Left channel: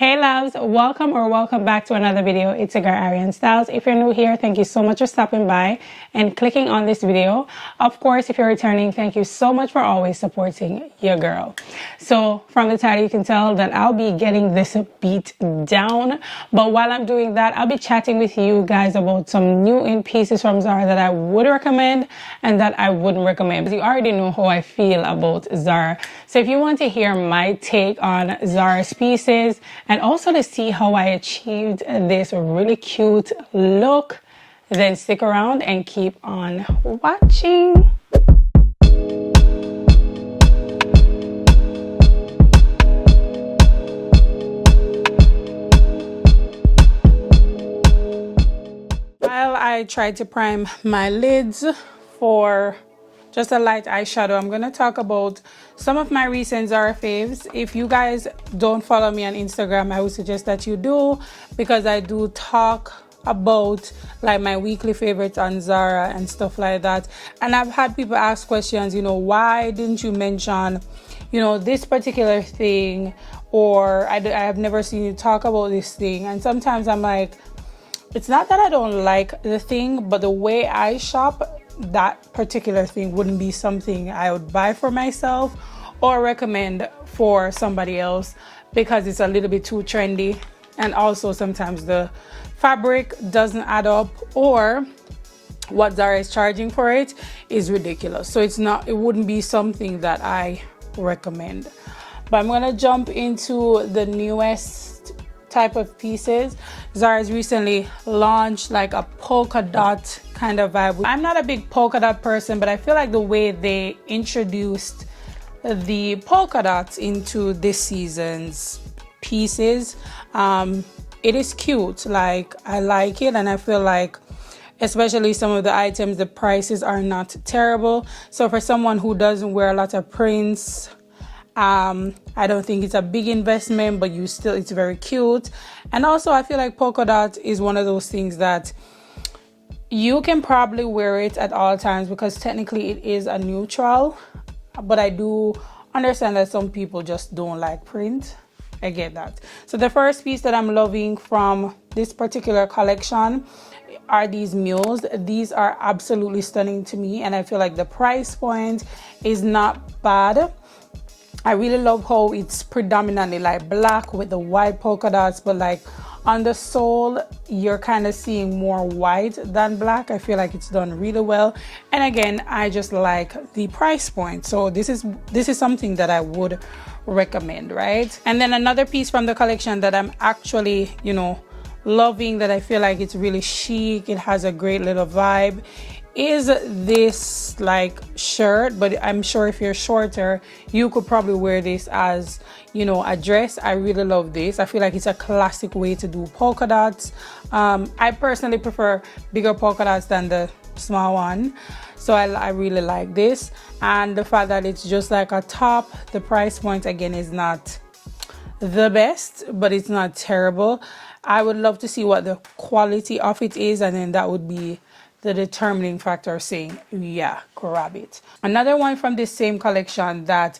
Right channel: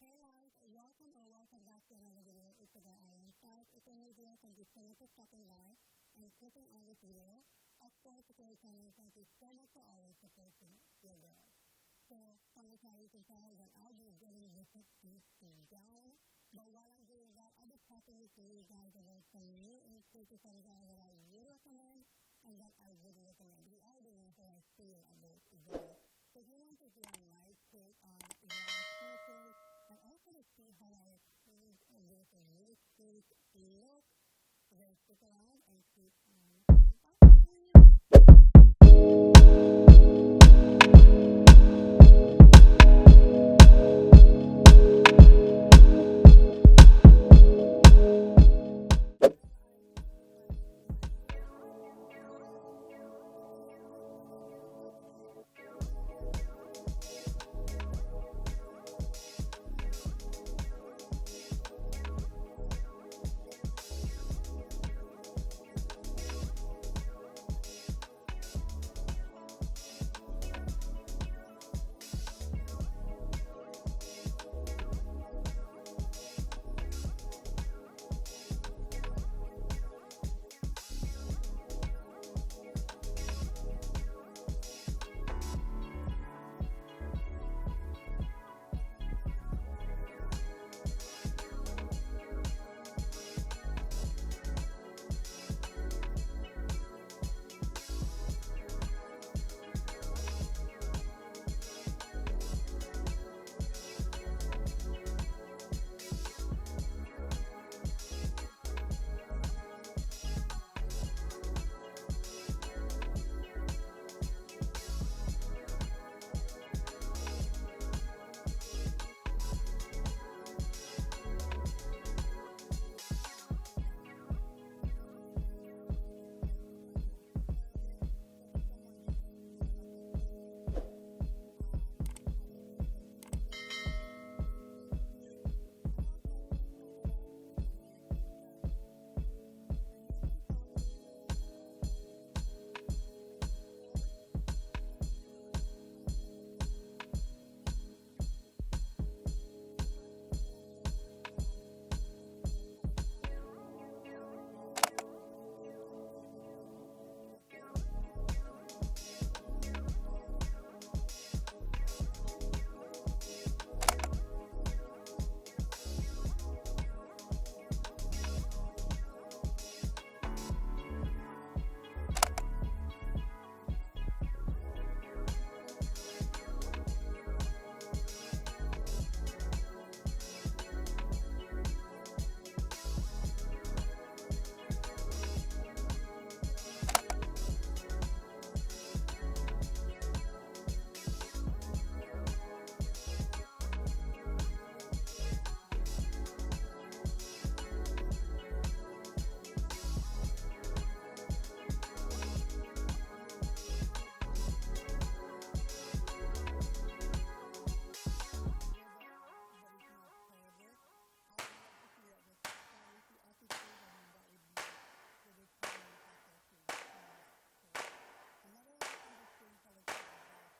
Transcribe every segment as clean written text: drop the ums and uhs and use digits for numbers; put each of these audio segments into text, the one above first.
Hey loves, welcome back to another video. It's your girl ARIANNE STYLLZ. If you're new here, thank you so much for stopping by and clicking on this video. Of course, if you're returning, thank you so much for always supporting your girl. So from the title, you can tell that I'll be getting this beat down. But while I'm doing that, I'll be chatting with you guys about some new in pieces from Zara that I would recommend and that I wouldn't recommend. Because you already know how I feel about Zara. So if you want to hear my take on Zara's pieces, and also to see how I achieved this really cute look, then stick around and keep on watching. While I tried to prime my lids for just a light eyeshadow, I'm going to talk about some of my recent Zara faves. If you guys don't follow me on Instagram, I would suggest that you do, because I do talk about like my weekly favorites on Zara and stuff like that. And I've had people ask questions, why didn't you mention, this particular thing, or I have never seen you talk about this thing. And sometimes I'm like, it's not that I don't like the thing, but the way I shop, that particular thing wouldn't be something I would buy for myself or recommend for somebody else, because it's a little bit too trendy, and also sometimes the fabric doesn't add up, or what Zara is charging for it is ridiculous. So it wouldn't be something that I recommend. But I'm gonna jump into the newest type of pieces. Zara's recently launched like a polka dot kind of vibe. I'm not a big polka dot person, but I feel like the way they introduced the polka dots into this season's pieces, it is cute. Like, I like it, and I feel like especially some of the items, the prices are not terrible. So for someone who doesn't wear a lot of prints, I don't think it's a big investment, but it's very cute. And also I feel like polka dot is one of those things that you can probably wear it at all times, because technically it is a neutral, but I do understand that some people just don't like print. I get that. So the first piece that I'm loving from this particular collection are these mules. These are absolutely stunning to me, and I feel like the price point is not bad. I really love how it's predominantly like black with the white polka dots, but like on the sole you're kind of seeing more white than black. I feel like it's done really well, and again, I just like the price point. So this is something that I would recommend, right? And then another piece from the collection that I'm actually loving, that I feel like it's really chic, it has a great little vibe, is this like shirt. But I'm sure if you're shorter, you could probably wear this as a dress. I really love this. I feel like it's a classic way to do polka dots. I personally prefer bigger polka dots than the small one, so I really like this. And the fact that it's just like a top, the price point again is not the best, but it's not terrible. I would love to see what the quality of it is, and then that would be the determining factor of saying, yeah, grab it. Another one from this same collection that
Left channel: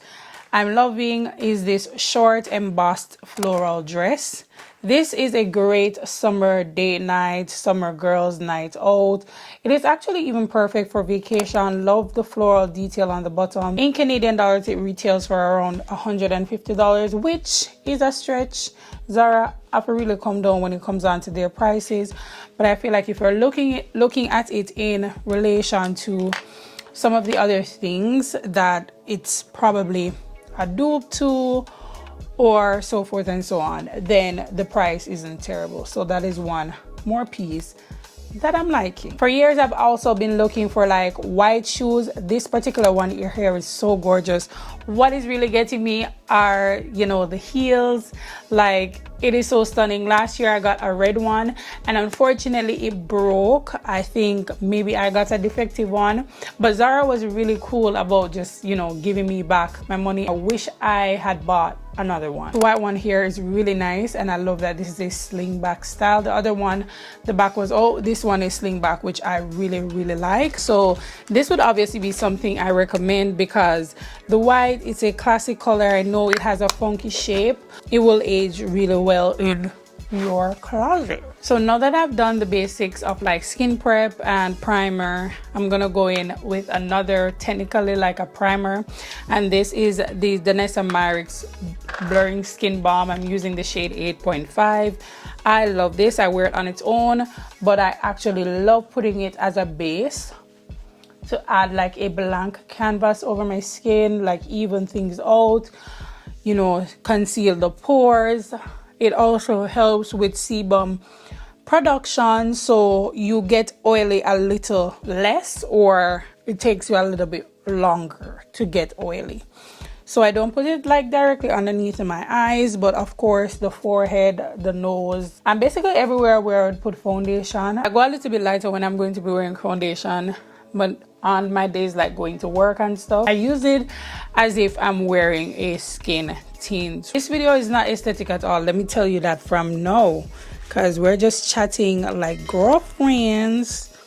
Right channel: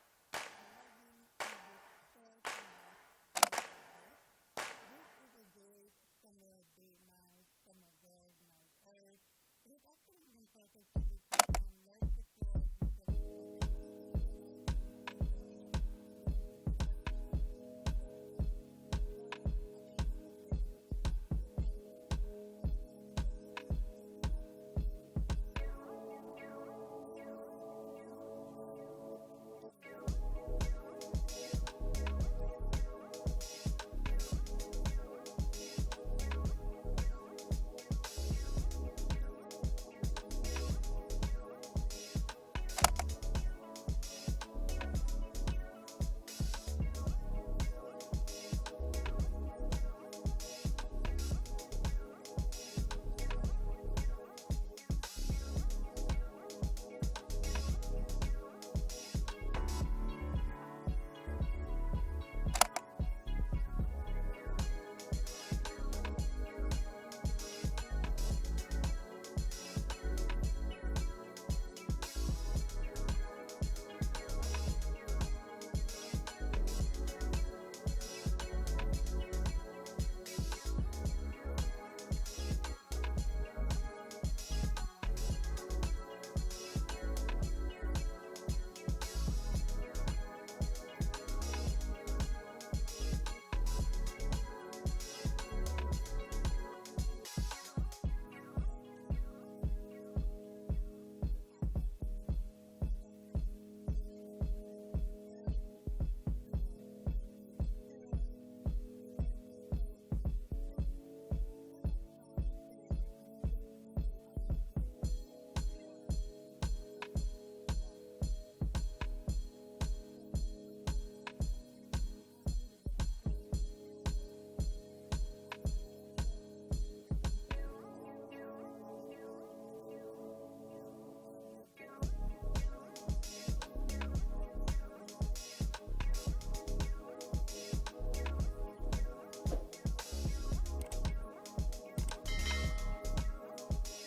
I'm loving is this short embossed floral dress. This is a great summer date night, summer girls night out. It is actually even perfect for vacation. Love the floral detail on the bottom. In Canadian dollars, it retails for around $150, which is a stretch. Zara have to really come down when it comes down to their prices, but I feel like if you're looking at it in relation to some of the other things that it's probably a dupe to, or so forth and so on, then the price isn't terrible. So that is one more piece that I'm liking. For years, I've also been looking for like white shoes. This particular one here is so gorgeous. What is really getting me are, the heels. Like, it is so stunning. Last year I got a red one, and unfortunately it broke. I think maybe I got a defective one, but Zara was really cool about just, giving me back my money. I wish I had bought another one. The white one here is really nice, and I love that this is a sling back style. The other one, the back was, oh, this one is sling back, which I really like. So this would obviously be something I recommend because the white is a classic color. I know it has a funky shape. It will age really well in your closet. So now that I've done the basics of like skin prep and primer, I'm gonna go in with another, technically like a primer, and this is the Danessa Myricks Blurring Skin Balm. I'm using the shade 8.5. I love this. I wear it on its own, but I actually love putting it as a base to add like a blank canvas over my skin, like even things out, you know, conceal the pores. It also helps with sebum production, so you get oily a little less, or it takes you a little bit longer to get oily. So I don't put it like directly underneath my eyes, but of course the forehead, the nose, and basically everywhere where I would put foundation. I go a little bit lighter when I'm going to be wearing foundation, but on my days like going to work and stuff, I use it as if I'm wearing a skin tint. This video is not aesthetic at all, let me tell you that from now, because we're just chatting like girlfriends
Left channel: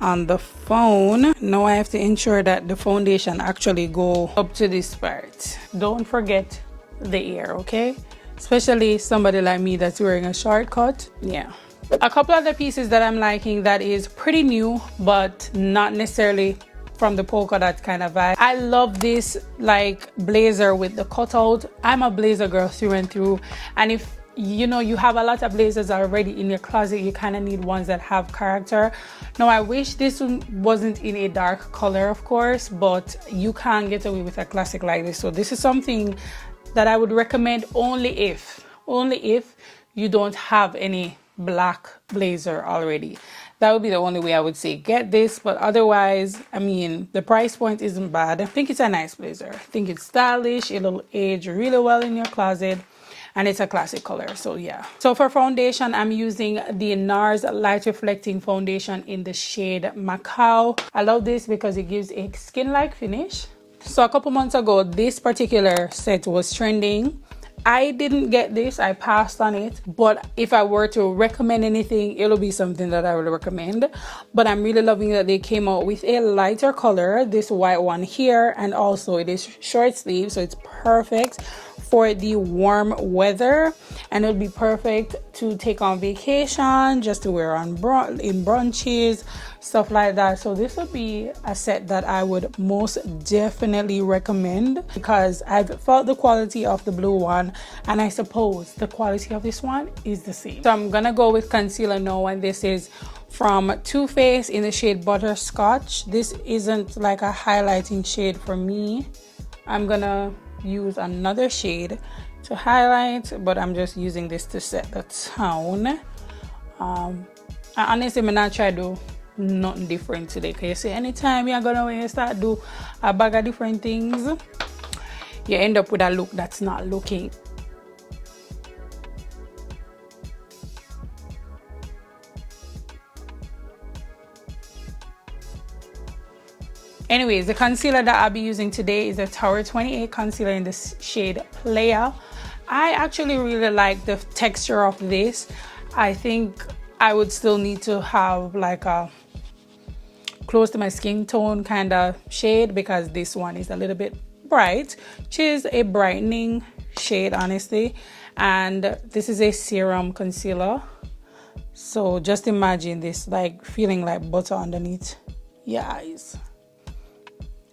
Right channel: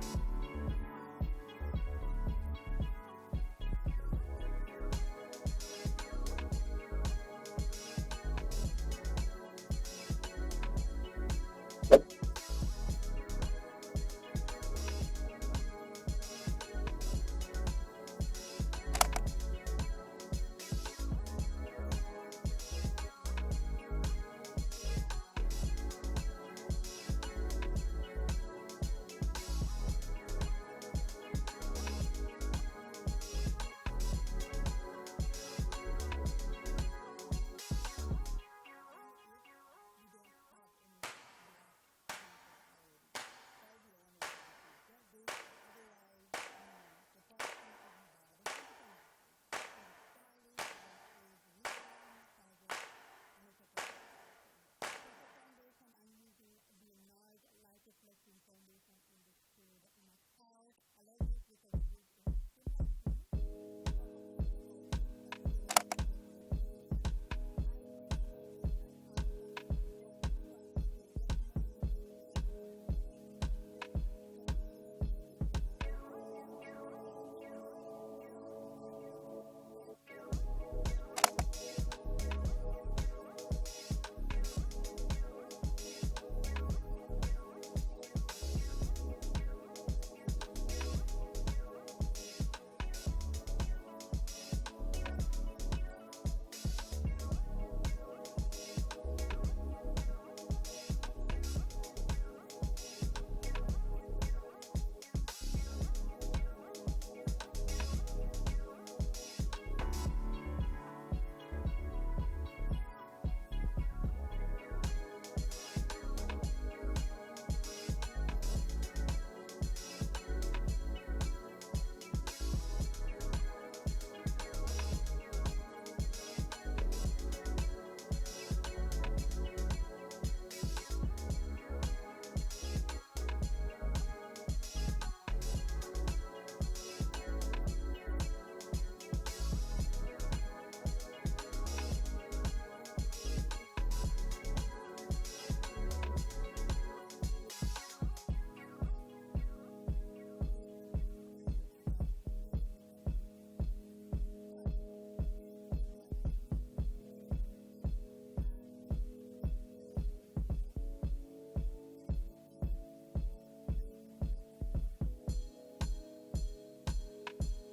on the phone. Now I have to ensure that the foundation actually go up to this part. Don't forget the ear, okay? Especially somebody like me that's wearing a shortcut. Yeah. A couple other pieces that I'm liking that is pretty new, but not necessarily from the polka dot kind of vibe. I love this like blazer with the cutout. I'm a blazer girl through and through, and if you know you have a lot of blazers already in your closet, you kind of need ones that have character. Now I wish this one wasn't in a dark color, of course, but you can't get away with a classic like this. So this is something that I would recommend only if you don't have any black blazer already. That would be the only way I would say get this, but otherwise, I mean, the price point isn't bad. I think it's a nice blazer. I think it's stylish. It'll age really well in your closet, and it's a classic color. So yeah. So for foundation, I'm using the NARS Light Reflecting Foundation in the shade Macau. I love this because it gives a skin-like finish. So a couple months ago, this particular set was trending. I didn't get this, I passed on it, but if I were to recommend anything, it'll be something that I would recommend. But I'm really loving that they came out with a lighter color, this white one here, and also it is short sleeve, so it's perfect for the warm weather, and it'll be perfect to take on vacation, just to wear on in brunches, stuff like that. So this would be a set that I would most definitely recommend because I've felt the quality of the blue one, and I suppose the quality of this one is the same. So I'm gonna go with concealer now, and this is from Too Faced in the shade Butterscotch. This isn't like a highlighting shade for me. I'm gonna use another shade to highlight, but I'm just using this to set the tone. I honestly may not try to do nothing different today, because you see anytime you're gonna, when you start do a bag of different things, you end up with a look that's not looking. Anyways, the concealer that I'll be using today is a Tower 28 concealer in the shade Player. I actually really like the texture of this. I think I would still need to have like a close to my skin tone kind of shade, because this one is a little bit bright, which is a brightening shade honestly, and this is a serum concealer. So just imagine this like feeling like butter underneath your eyes.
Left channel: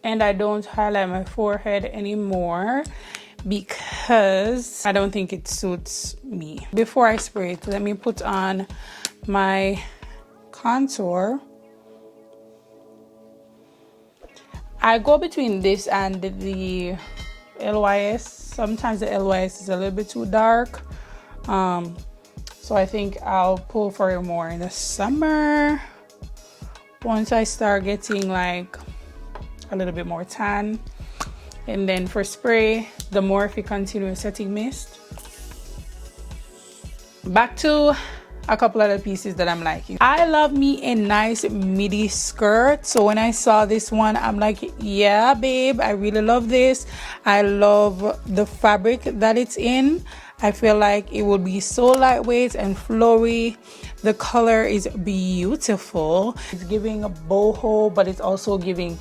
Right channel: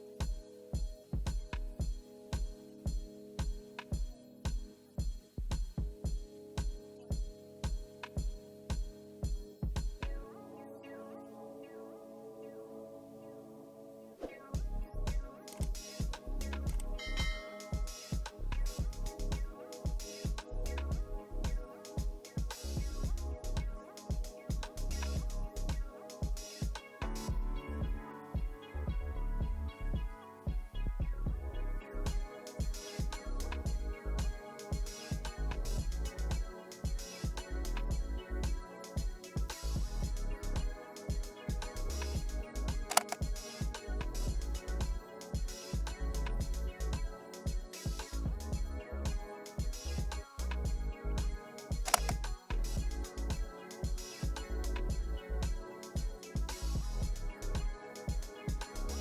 And I don't highlight my forehead anymore because I don't think it suits me. Before I spray it, let me put on my contour. I go between this and the LYS. Sometimes the LYS is a little bit too dark. So I think I'll pull for it more in the summer. Once I start getting like a little bit more tan. And then for spray, the Morphe Continuous Setting Mist. Back to a couple other pieces that I'm liking. I love me a nice midi skirt, so when I saw this one, I'm like, yeah babe, I really love this. I love the fabric that it's in. I feel like it will be so lightweight and flowy. The color is beautiful. It's giving a boho, but it's also giving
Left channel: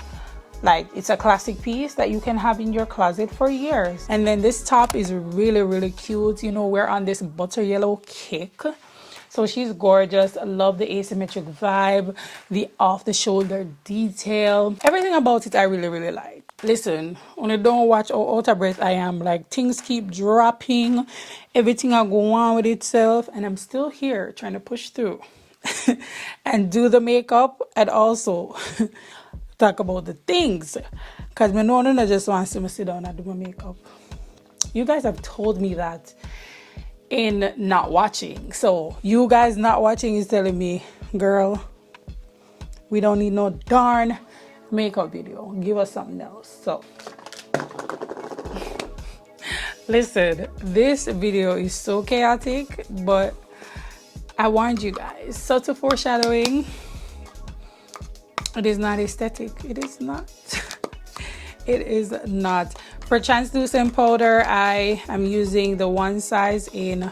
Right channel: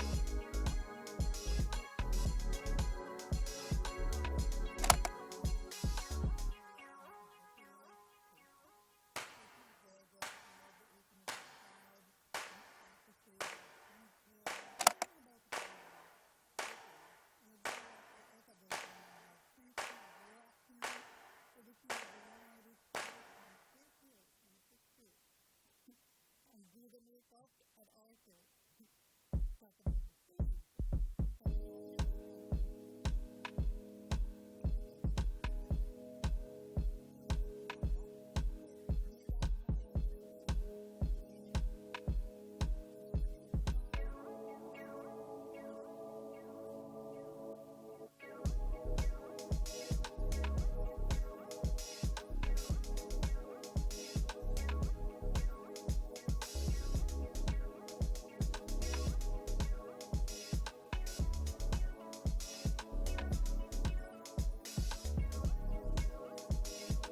like it's a classic piece that you can have in your closet for years. And then this top is really cute. You know, we're on this butter yellow kick, so she's gorgeous. I love the asymmetric vibe, the off the shoulder detail, everything about it I really like. Listen, when I don't watch how out of breath I am, like things keep dropping, everything I go on with itself, and I'm still here trying to push through and do the makeup and also talk about the things, because my no just wants to sit down and do my makeup. You guys have told me that in not watching, so you guys not watching is telling me, girl, we don't need no darn makeup video, give us something else. So listen, this video is so chaotic, but I warned you guys. Subtle foreshadowing. It is not aesthetic. It is not. It is not. For translucent powder, I am using the one size in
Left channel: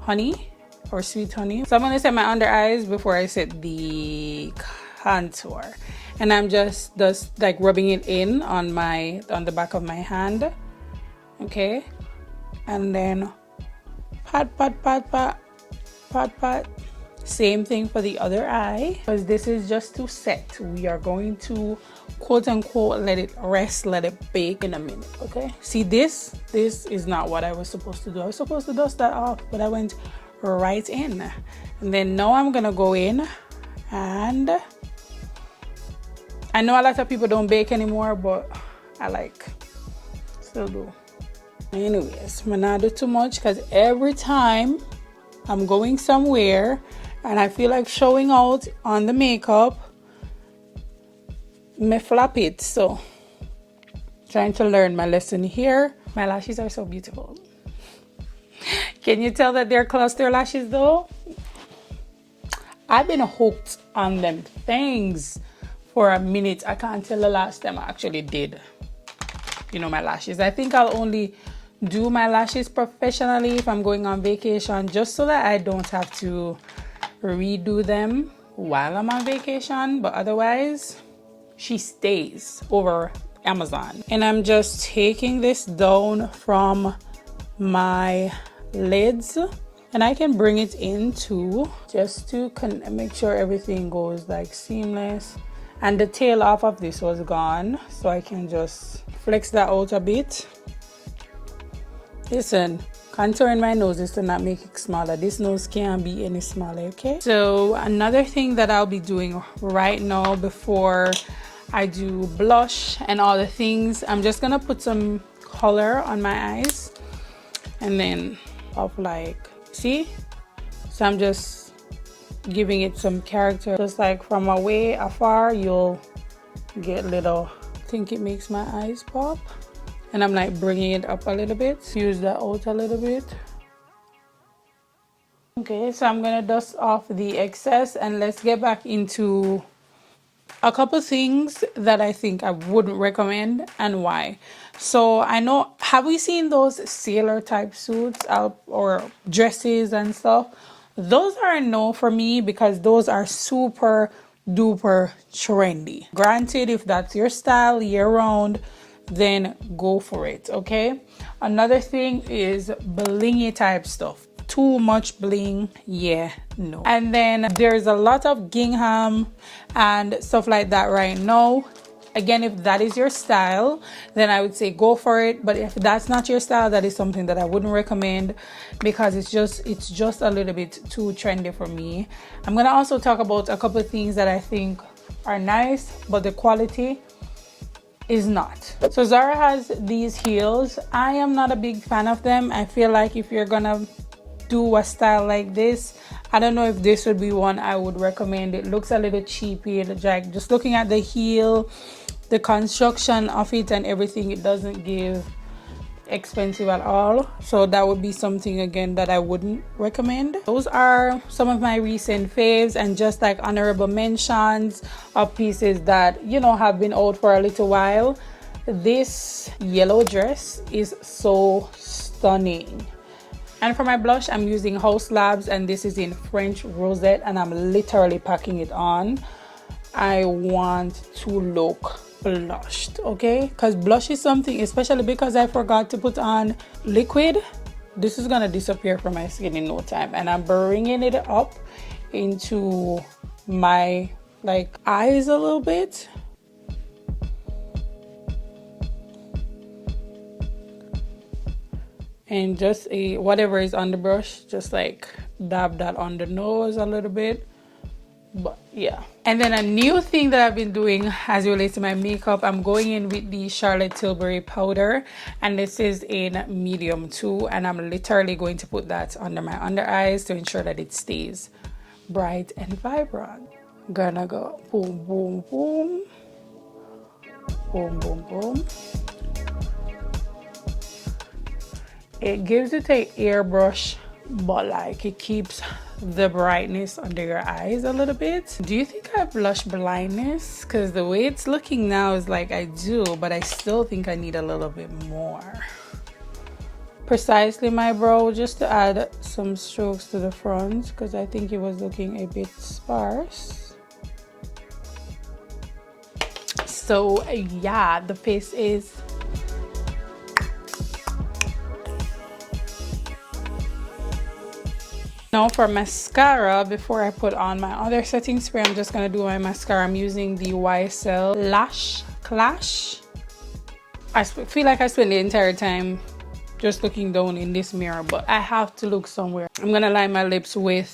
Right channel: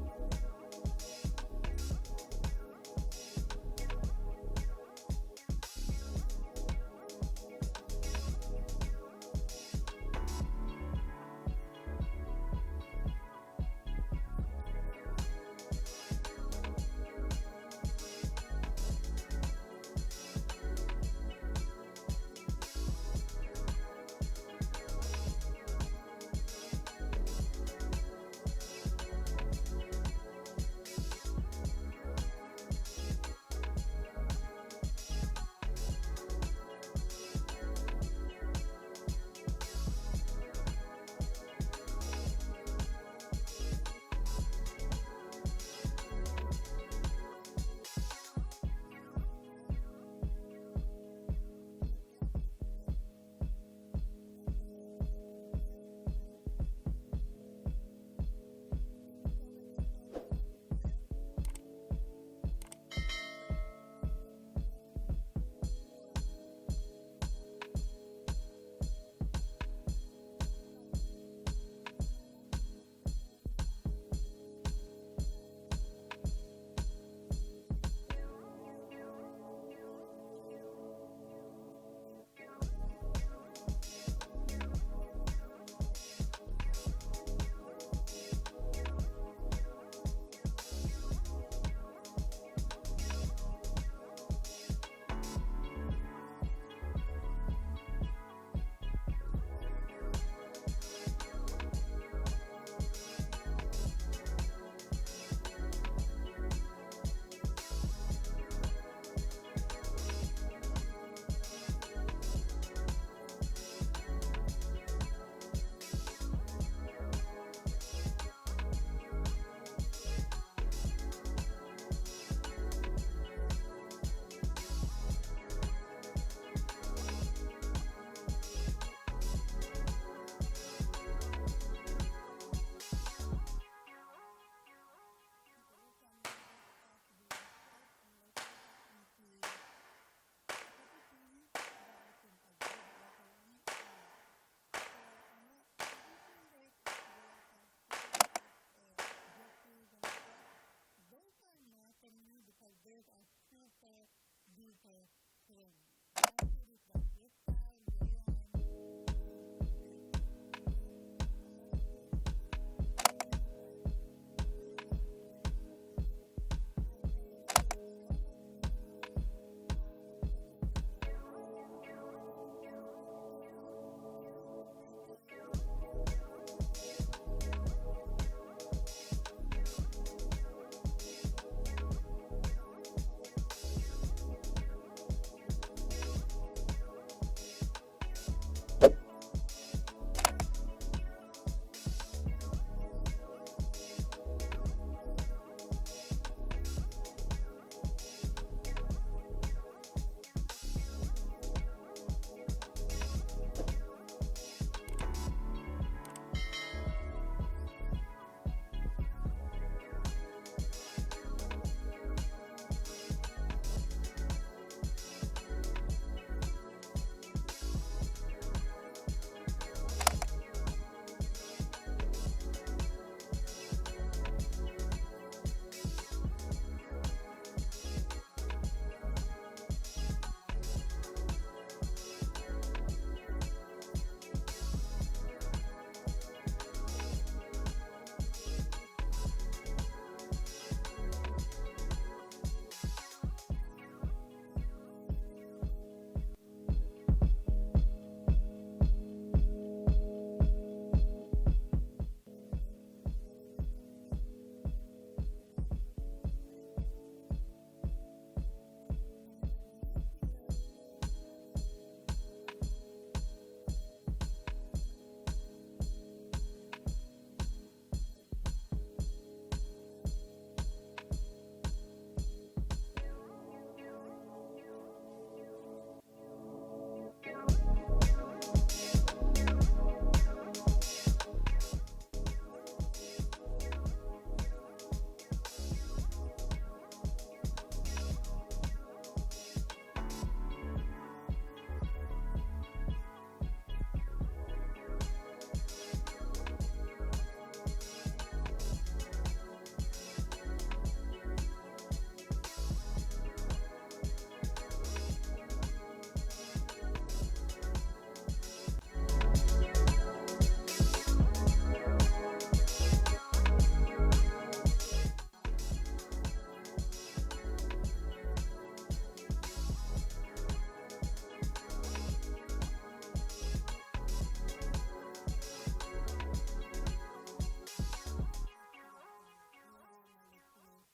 honey or sweet honey. So I'm gonna set my under eyes before I set the contour, and I'm just like rubbing it in on the back of my hand. Okay, and then pat. Same thing for the other eye, because this is just to set. We are going to quote unquote let it rest, let it bake in a minute. Okay, see, this is not what I was supposed to do. I was supposed to dust that off, but I went right in. And then now I'm gonna go in, and I know a lot of people don't bake anymore, but I still do. Anyways, I'm not do too much, because every time I'm going somewhere and I feel like showing out on the makeup, me flap it. So trying to learn my lesson here. My lashes are so beautiful. Can you tell that they're cluster lashes though? I've been hooked on them things for a minute. I can't tell the last time I actually did, you know, my lashes. I think I'll only do my lashes professionally if I'm going on vacation, just so that I don't have to redo them while I'm on vacation. But otherwise, she stays over Amazon. And I'm just taking this down from my lids, and I can bring it in too, just to make sure everything goes like seamless. And the tail off of this was gone, so I can just flex that out a bit. Listen, contouring my nose is to not make it smaller. This nose can't be any smaller, okay? So another thing that I'll be doing right now before I do blush and all the things, I'm just gonna put some color on my eyes, and then like, see? So I'm just giving it some character. Just like from afar, you'll get little, I think it makes my eyes pop. And I'm like bringing it up a little bit, use that out a little bit. Okay, so I'm gonna dust off the excess, and let's get back into a couple things that I think I wouldn't recommend and why. So I know, have we seen those sailor type suits or dresses and stuff? Those are a no for me, because those are super duper trendy. Granted, if that's your style year round, then go for it. Okay, another thing is blingy type stuff. Too much bling, yeah, no. And then there's a lot of gingham and stuff like that right now. Again, if that is your style, then I would say go for it. But if that's not your style, that is something that I wouldn't recommend, because it's just a little bit too trendy for me. I'm gonna also talk about a couple of things that I think are nice, but the quality is not. So Zara has these heels. I am not a big fan of them. I feel like if you're gonna do a style like this, I don't know if this would be one I would recommend. It looks a little cheapy. Like, just looking at the heel, the construction of it and everything, it doesn't give expensive at all, so that would be something again that I wouldn't recommend. Those are some of my recent faves, and just like honorable mentions of pieces that, you know, have been out for a little while. This yellow dress is so stunning. And for my blush, I'm using House Labs, and this is in French Rosette, and I'm literally packing it on. I want to look blushed, okay? Because blush is something, especially because I forgot to put on liquid, this is gonna disappear from my skin in no time. And I'm bringing it up into my like eyes a little bit. And just whatever is on the brush, just like dab that on the nose a little bit. But yeah. And then a new thing that I've been doing as it relates to my makeup, I'm going in with the Charlotte Tilbury powder, and this is in medium 2, and I'm literally going to put that under my under eyes to ensure that it stays bright and vibrant. Gonna go boom boom boom, boom boom boom. It gives it a airbrush, but like it keeps the brightness under your eyes a little bit. Do you think I have blush blindness? Because the way it's looking now is like I do, but I still think I need a little bit more. Precisely my brow, just to add some strokes to the front, because I think it was looking a bit sparse. So yeah, the face is now for mascara. Before I put on my other setting spray, I'm just gonna do my mascara. I'm using the YSL Lash Clash. I feel like I spent the entire time just looking down in this mirror, but I have to look somewhere. I'm gonna line my lips with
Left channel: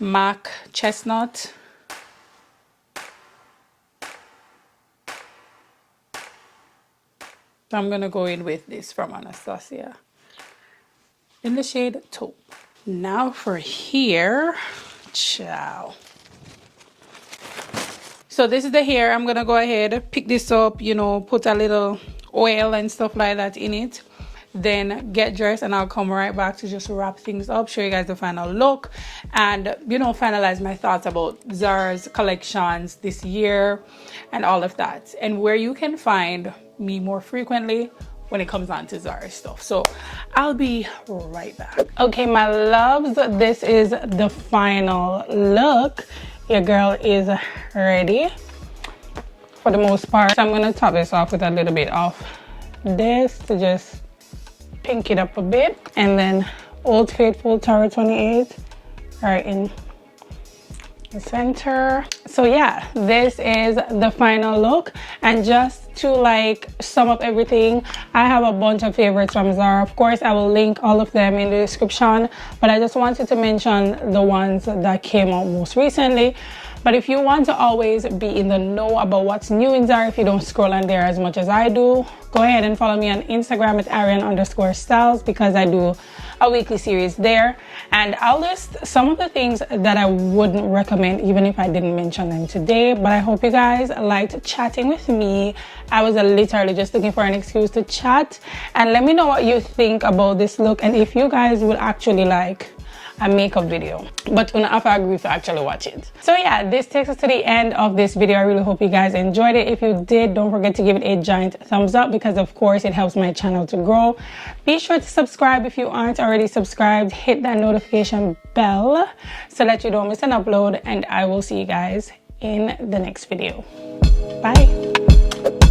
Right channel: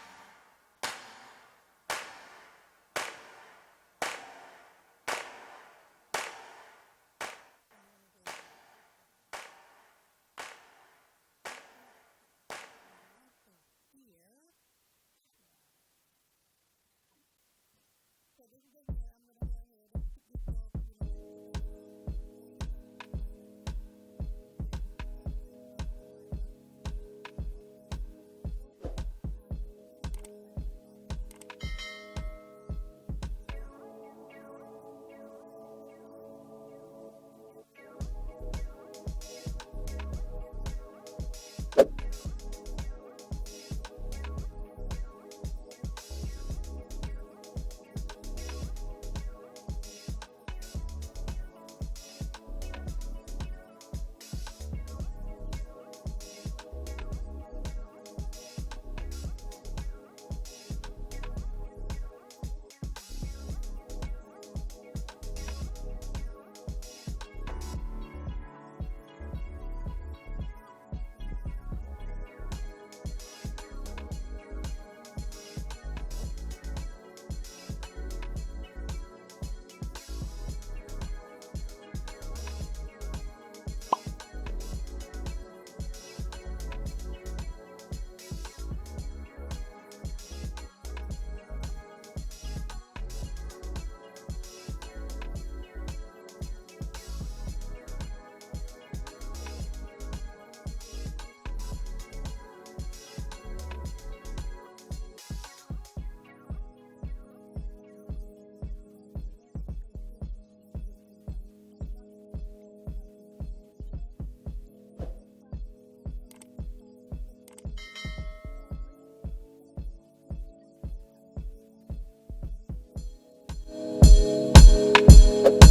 MAC Chestnut. So I'm gonna go in with this from Anastasia in the shade Taupe. Now for here, ciao. So this is the hair. I'm gonna go ahead, pick this up, you know, put a little oil and stuff like that in it, then get dressed, and I'll come right back to just wrap things up, show you guys the final look, and, you know, finalize my thoughts about Zara's collections this year and all of that, and where you can find me more frequently when it comes on to Zara stuff. So I'll be right back. Okay, my loves, this is the final look. Your girl is ready for the most part. So I'm gonna top this off with a little bit of this to just pink it up a bit, and then Old Faithful Tower 28 right in the center. So yeah, this is the final look. And just to like sum up everything, I have a bunch of favorites from Zara. Of course, I will link all of them in the description, but I just wanted to mention the ones that came out most recently. But if you want to always be in the know about what's new in Zara, if you don't scroll on there as much as I do, go ahead and follow me on Instagram at ARIANNE_STYLLZ, because I do a weekly series there, and I'll list some of the things that I wouldn't recommend even if I didn't mention them today. But I hope you guys liked chatting with me. I was literally just looking for an excuse to chat, and let me know what you think about this look, and if you guys would actually like a makeup video, but you're gonna have to agree to actually watch it. So yeah, this takes us to the end of this video. I really hope you guys enjoyed it. If you did, don't forget to give it a giant thumbs up, because of course it helps my channel to grow. Be sure to subscribe if you aren't already subscribed. Hit that notification bell so that you don't miss an upload, and I will see you guys in the next video. Bye.